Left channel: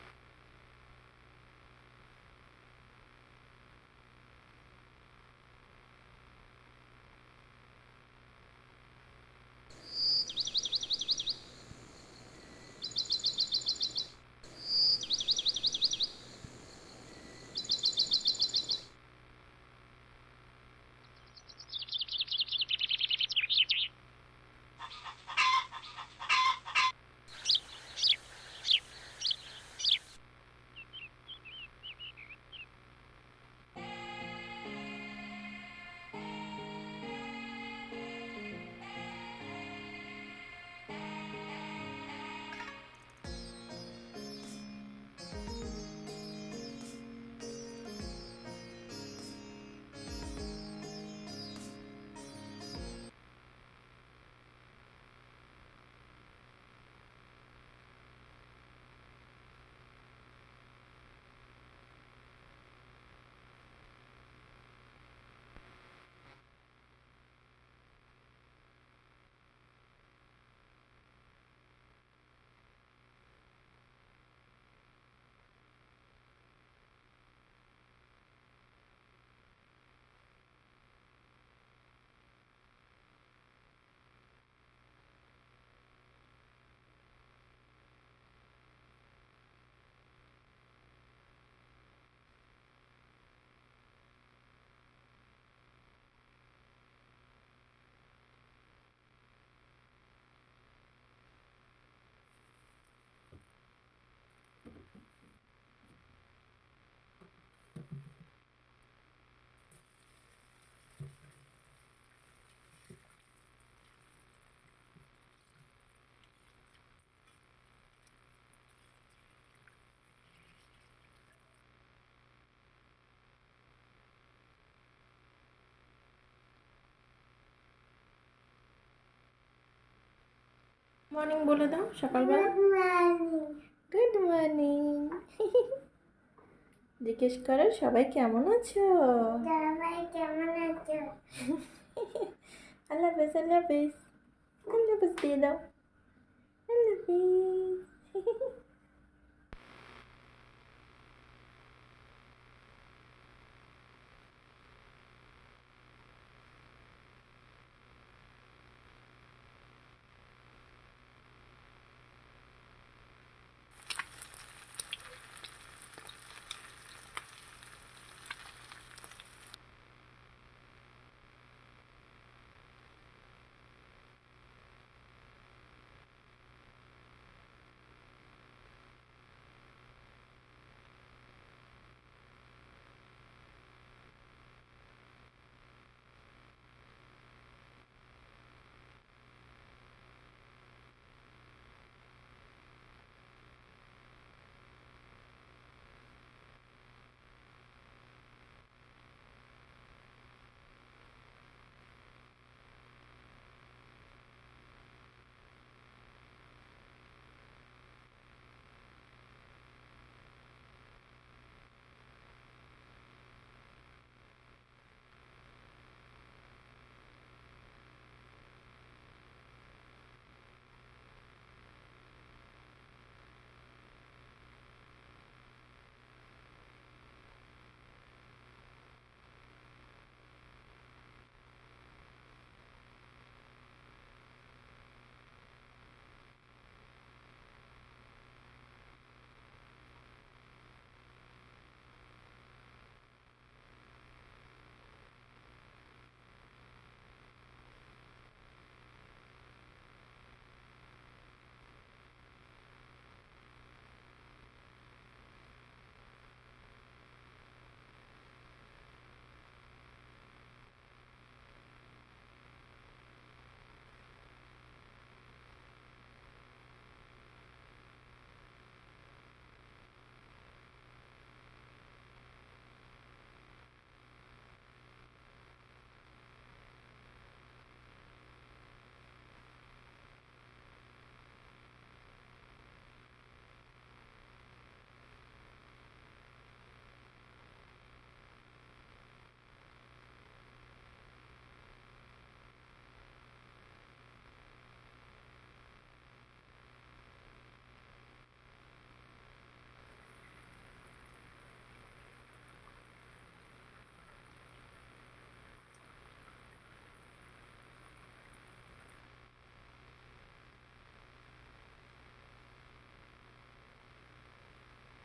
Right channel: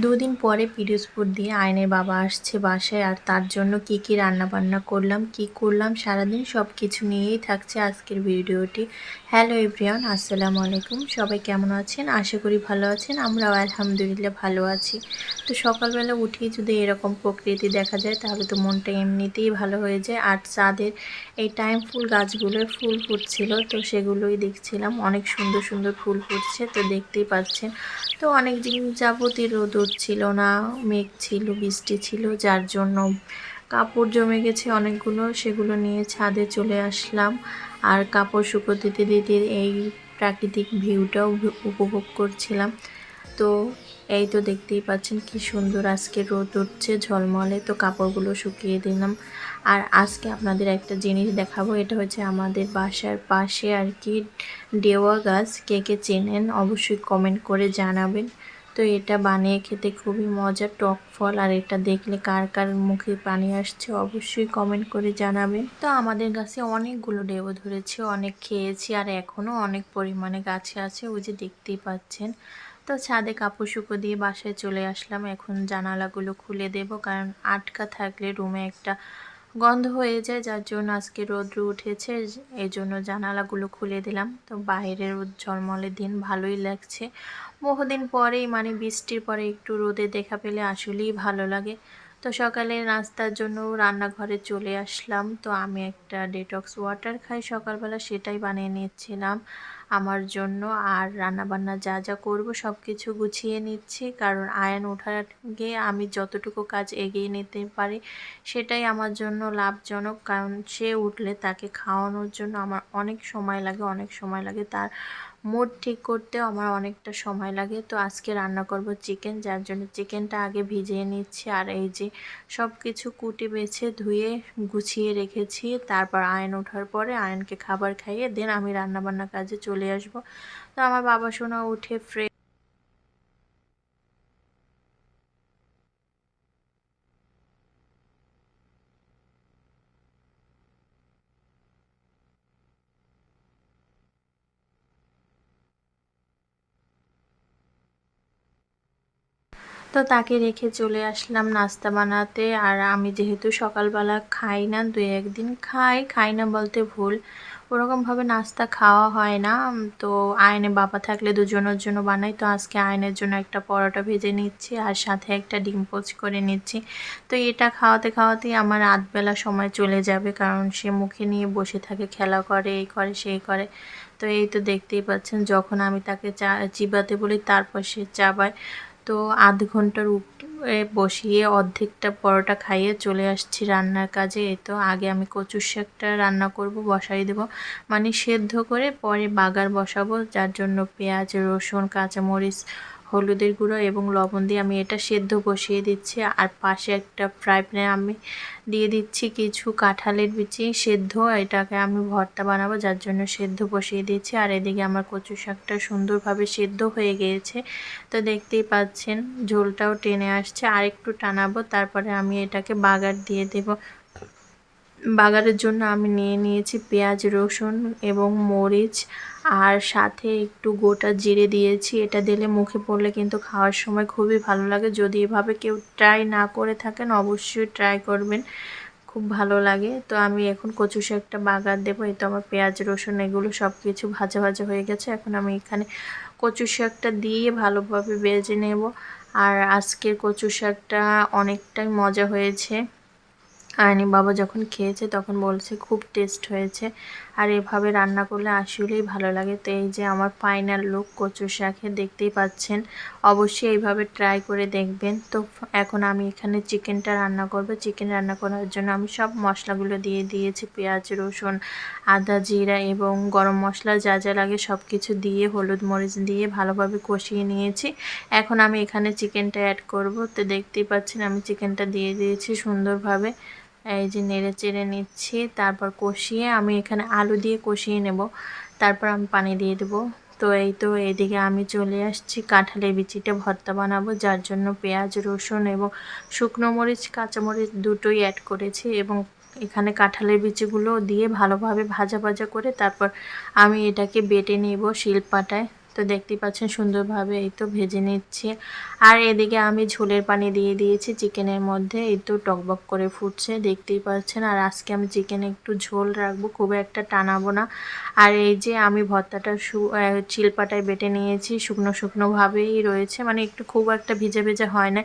দুদিন পরে পিরোজপুর দিয়ে আয়নের বাবা আসছে বাসায় আর তার জন্য কি কি রান্না বান্না করলাম, কি করলাম, সারাদিন সব কিছু নিয়েই থাকছে আজকের ভিডিওটি। হ্যালো এভরিওয়ান, আসসালামু আলাইকুম। সবাই কেমন আছেন? আশা করি ভালো আছেন, আমরাও আলহামদুলিল্লাহ ভালো আছি। তো সকালবেলা উঠেই যদি এরকম প্রকৃতি দেখা যায়, তাহলে তো মনটা এমনিতেই ভালো হয়ে যায়। আর চাঁদের এই টাইম ফুল গাছগুলোর ফুল ফুটছিল, তো সেগুলোই দেখছিলাম। অনেক সুন্দর সুন্দর ফুল ফুটছে, তো দেখতেই পাচ্ছেন। তো অনেক দিন যাবতীয় রোদ ছিল না, মেঘ ছিল, বৃষ্টি ছিল, যার জন্য কাপড় জমে গেছে অনেকগুলো, সেগুলো নিয়ে ছাদে চলে আসলাম। আর কাপড় শুকো দিতে দিতে এই প্রাকৃতিক ভিউটাও উপভোগ করছিলাম। তো এই তো দেখতেই পাচ্ছেন কি সুন্দর আজকে রোদ উঠছে ঝলমলে, তো কাপড়গুলো শুকিয়ে দিলাম। আর আজকে আপনাদের একটা জিনিস দেখাবো, এটা হচ্ছে আমাদের বাসার পাশে আর কি ডেওয়া গাছ। কে কে চেনেন অবশ্যই কমেন্ট করে জানাবেন। তো এটা বানিয়ে খেতে খুবই মজা টক ফল। আর এটা দেখলে কার কার মুখে পানি আসছে অবশ্যই কমেন্ট করে জানাবেন। তো আমাদের গাছে অনেকগুলো ডেবো ধরেছে, অনেক খেয়েছি আর এখনও অনেক পরিমাণে গাছে আছে, ওই যে দেখতেই পাচ্ছেন। তো ছাদে কাপড় শুকো দিয়ে বাসায় চলে আসলাম। এখন জানালাগুলো খুলে দেব, কারণ আটকা থাকলে রুমে একটা গন্ধ হয়ে যায়, যার জন্য আজকে রোদ্র উঠেছে। এই জন্য জানালাগুলো খুলে দিলাম। তো বাইরের ঝলমলের দিন ভালোই লাগছে। বহুদিন পরেই মানে বৃষ্টির পরে একটু রোদে দেখা পেলে আসলেই ভালো লাগে। তো সকালে নাস্তার জন্য রান্নাঘরে চলে আসলাম। তো আমি একটা ডেটক্স ওয়াটার খাই। সকালবেলা সেটাই বানিয়ে নিচ্ছিলাম। আমার জন্য আর রান্নাবান্না যা যা করব সব কিছু গুছিয়ে নিচ্ছি। কারণ আয়ন ওঠার আগে আমি যতটুকু কাজ এগিয়ে নিতে পারি সেটাই আমার জন্য লাভজনক। কারণ সে উঠলে তাকে খাওয়ানোর জন্য আমার অনেক সময় লাগে, অনেক সময় লাগে তার মুড ঠিক করতেও আমার অনেকটা সময় লাগে। তো আজকে রান্না করব চিকেন যার জন্য চিকেনটা আগে ভিজিয়ে নিচ্ছি আর এই যে সব কিছু কুটি বেছে ধুয়ে গুছিয়ে রেখেছি। তারপর আয়ন ওঠার পরে আয়নকে খাবার খাইয়ে দেন আমি রান্না রান্নাবান্না কাজে চলে আসব। তো আমার বাবা শোনা উঠে ফ্রে গুড মর্নিং জিজ্ঞেস করো সবাই কেমন আছো? সবাই কেমন আছো? আল্লাহ হাফেজ আল্লাহ হাফেজ। আল্লাহ হাফেজ দিয়ে তো তাকে রেখে চলে আসলাম নাস্তা বানাতে। আর আমি যেহেতু সকালবেলা খাই না দু একদিন খাই। খাই না বলতে ভুল। ওরকমভাবে নাস্তা খাওয়া হয় না। তো আয়নে বাবা থাকলে দুজনের জন্য বানাই। তো আজকে আয়নের জন্য একটা পরোটা ভেজে নিচ্ছি আর সাথে একটা ডিম পোচ করে নিচ্ছি। তো এটা খাওয়াতে খাওয়াতেই আমার আধবেলা সময় চলে যাবে। কারণ সে মুখে নিয়ে বসে থাকে, খেলা করে, এই করে, সেই করে। তো এই তো দেখতেই পাচ্ছেন, যখন আমি তাকে চা চিবাতে বলি তারপর সে চাবায়। তো আধ ঘণ্টার বসিয়ে অর্ধেকটা পরোটা খাইয়ে চলে আসছি রান্নার কাজে। এই তো আগে আমি কচুর শাকটা রান্না করব, বসাই দেব। মানে সেদ্ধ করে পরে বাগার বসাবো, যার জন্য পেঁয়াজ, রসুন, কাঁচামরিচ হলুদের গুঁড়ো এবং লবণ দিয়ে আমি এটা সেদ্ধ বসিয়ে দিচ্ছি। আর পাশে একটা ফ্রাই প্যানে আমি দিয়ে দিচ্ছি কিছু কাঁঠালের বিচি সেদ্ধ। এটাকে আমি ভর্তা বানাবো, যার জন্য সেদ্ধ বসিয়ে দিচ্ছি। আর এদিকে আমার কচু শাকটা সুন্দরভাবে সেদ্ধ হয়ে গিয়েছে। তো দেখতেই পাচ্ছেন, ঝোলটাও টেনে আসছে। আর একটু টানাবো, তারপরে আমি এটাকে বাগার দিয়ে দেব। বাগারের জন্য আমি নিয়ে নিয়েছি পেঁয়াজ, রসুন এবং মরিচ আর সাথে একটু গোটা জিরে দিয়েছি। এটা দিলে মুখে পড়লে কিন্তু খাওয়ার সময় খুবই ভালো লাগে। যদি এভাবে কেউ ট্রাই না করে থাকেন, অবশ্যই ট্রাই করবেন। খুব ভালো লাগে। তো আমি এখন কচু শাকটা বাগার দেবো। এই তো আমার পেঁয়াজ, রসুন এগুলো সব কিছু ভাজা ভাজা হয়ে গেছে। এখন আমি এখানে কচু শাকটা দিয়ে ভালোভাবে বেজে নেব। আর আজকের কচু শাকটা অনেকটাই মজা হয়েছে। আয়নি বাবা যখন খেয়েছে তখন বলছে, খুব টেস্ট হয়েছে। আর এভাবে রান্না করলে আসলেই ভালো লাগে। তো এই যে আমার ফাইনাল লুক কচু শাকে দেখতেই পাচ্ছেন। অবশ্যই এইভাবে ট্রাই করে দেখবেন। তো এখন আমি এখানে চিকেনটা রান্না করব। চিকেন রান্না করার জন্য আমি সব মশলাগুলো দিয়ে দিয়েছি। পেঁয়াজ, রসুন, আদা, জিরা এবং গরম মশলা যা যা লাগে সব কিছু দিয়ে, হলুদ মরিচ দিয়ে ভালোভাবে কষিয়ে নিয়েছি। এখন আমি এখানে চিকেনটা অ্যাড করব। তো দেখতেই পাচ্ছেন আমি চিকেনটা দিয়ে দিয়েছি সুন্দরভাবে। এই যে নেড়ে চেড়ে নিচ্ছি, তারপর কষিয়ে আমি এখানে আলু দিয়ে কষিয়ে নেব। তারপর আমি পানি দিয়ে দেবো। তো এই তো এইদিকে আমি চলে আসছি, কাঁঠালের বিচিটা ভর্তা বানাবো, যার জন্য পেঁয়াজ, রসুন এবং শুকনো মরিচ কাঁচামরিচ দুটোই অ্যাড করেছি এবং এখানে কাঁঠালের বিচিগুলো দিয়ে ভালোভাবে ভাজা ভাজা করে তারপর আমি এটাকে বেটে নেব শিলপাটায়। তো দেখতেই পাচ্ছেন সুন্দরভাবে এই তো ভেজে নিচ্ছি। আর এদিকে আমি ঝোলের পানি দিয়ে দিয়েছি চিকেনের মধ্যে, এই তো টকবক করে ফুটছে, দেখতেই পাচ্ছেন। আর আজকে আমি চিকেনে একটু ঝোল রাখব, খুব একটা টানাবো না। আর এই যে আমি ভর্তাটা চিলপাটায় বেটে নিয়েছি, শুকনো শুকনোভাবেই রয়েছে মানে একটু খুব একটা ভিজে ভিজে হয় না।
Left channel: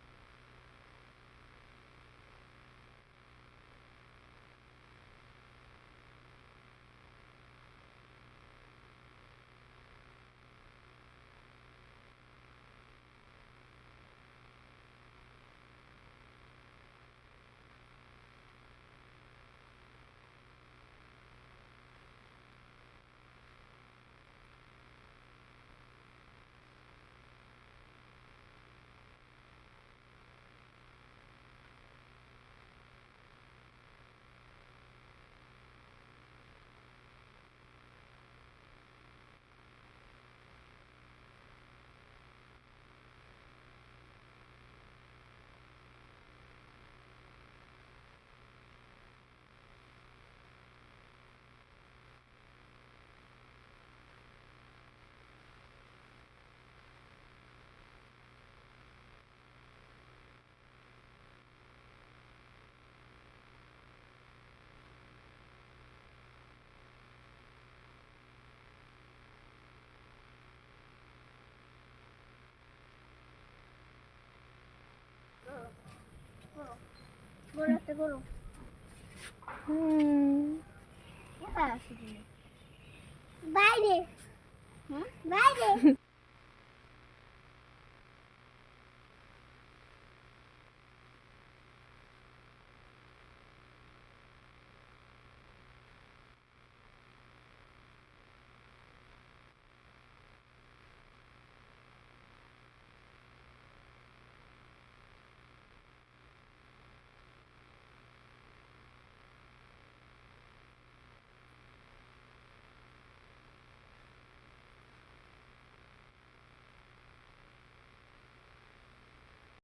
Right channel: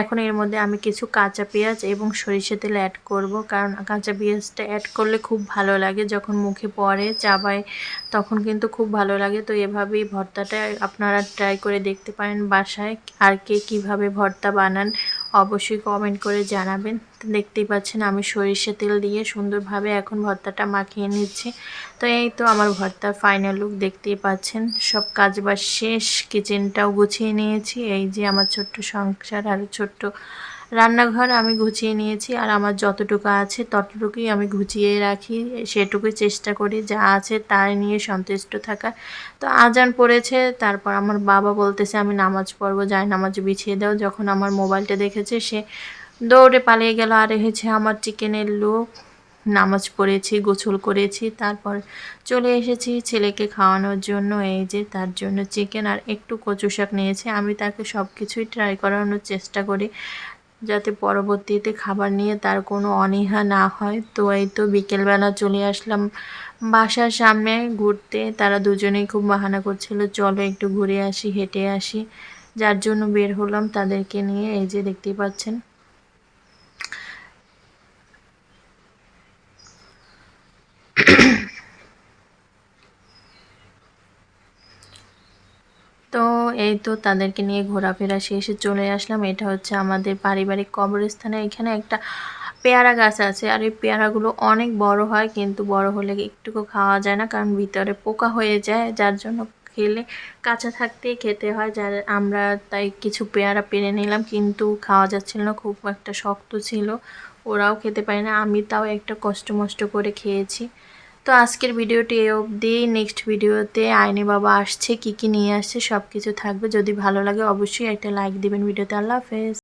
এখন এর মধ্যে আমি কিছু কাঁচা পেঁয়াজ এবং সরিষা তেল অ্যাড করব, কারণ কাঁচা পেঁয়াজটা অ্যাড করলে খুব ভালো লাগে। যখন মুখে পড়ে চাবায়, তখন কিন্তু খুব ভালো লাগে। তো এভাবেই ভর্তাটা আপনারা ট্রাই করে দেখতে পারেন বাসায়, আর কে কীভাবে ভর্তা বানান অবশ্যই কমেন্ট করে জানাবেন। দেখতেই পাচ্ছেন আমি সরিষা তেল দিয়ে সুন্দরভাবে এখন ভর্তাটা মাখিয়ে নিচ্ছি। তো এই তো আমার ভর্তার ফাইনাল লুক দেখতেই পাচ্ছেন। সব কাজ বাজ শেষ কিচেনটাও গুছিয়ে নিয়েছি। এই যে আমার ছোট্ট সংসার আর ছোট্ট রান্নাঘর আমি গুছিয়ে নিয়েছি আর আমার যতটুকু আছে ততটুকুই আমি গুছিয়ে রাখি। সেটুকুই চেষ্টা করি, যা আছে তার নিয়ে সন্তুষ্ট থাকা। তো আজান পড়েছে, তারপর আমার বাবা বলতেছে, আমি নামাজ পড়ব যাই নামাজ বিছিয়ে দাও। যখন আমার মোবাইলটা দেখেছে, সে দৌড়ে পালিয়ে গেল। আর এ হচ্ছে আমার চিকেনের লোক। নামাজ পড়েছি, গোসল করেছি, তারপর চলে এসেছি ছেলেকে খাওয়ানোর জন্য। এই যে তার জন্য চিকেন আর একটু কচু শাক নিয়েছি। আমি তাকে সব কিছুই ট্রাই করানোর চেষ্টা করি। যাতে পরবর্তীতে খাবার নিয়ে তার কোনো অনীহা না হয়। তো এই তো বিকেলবেলা চলে আসলাম বাসার সামনে ঘুরতে। তারা দুজনেই খুব বাহানা করছিল, চলো একটু ঘুরে আসি, হেঁটে আসি। যার জন্য বের হলাম তাদেরকে নিয়ে, এই যে দেখতেই পাচ্ছেন। তো এই তো তাদেরকে নিয়ে ঘোরাফেরা শেষে চলে আসলাম। এটা হচ্ছে আমাদের পারিবারিক কবরস্থানে এখানে একটা পেয়ারা গাছ আছে। আর এই পেয়ারাগুলো অনেক বড় হয়, কিন্তু বড় হলে একটুকু খাওয়া যায় না, কারণ ভিতরে পোকা হয়ে যায়। যার জন্য খেলে কাঁচা থাকতেই খেতে হয়। যার, আমরা তাই কিছু পেয়ারা পেরে নিলাম, কিন্তু খাওয়া যাচ্ছিল না, খুব একটা শক্ত ছিল। ওরাও খেতে পারে না। আমি তাও একটা কষ্ট মষ্ট করে খেয়েছি। তো আজকের ভিডিওটি এ অবধি। নেক্সট ভিডিওতে আইনি বাবা আসছে, কি কি নিয়ে আসছে সব কিছু থাকবে। যদি ভালো লাগে অবশ্যই একটা লাইক দিবেন ভিডিওতে। আল্লাহ হাফেজ।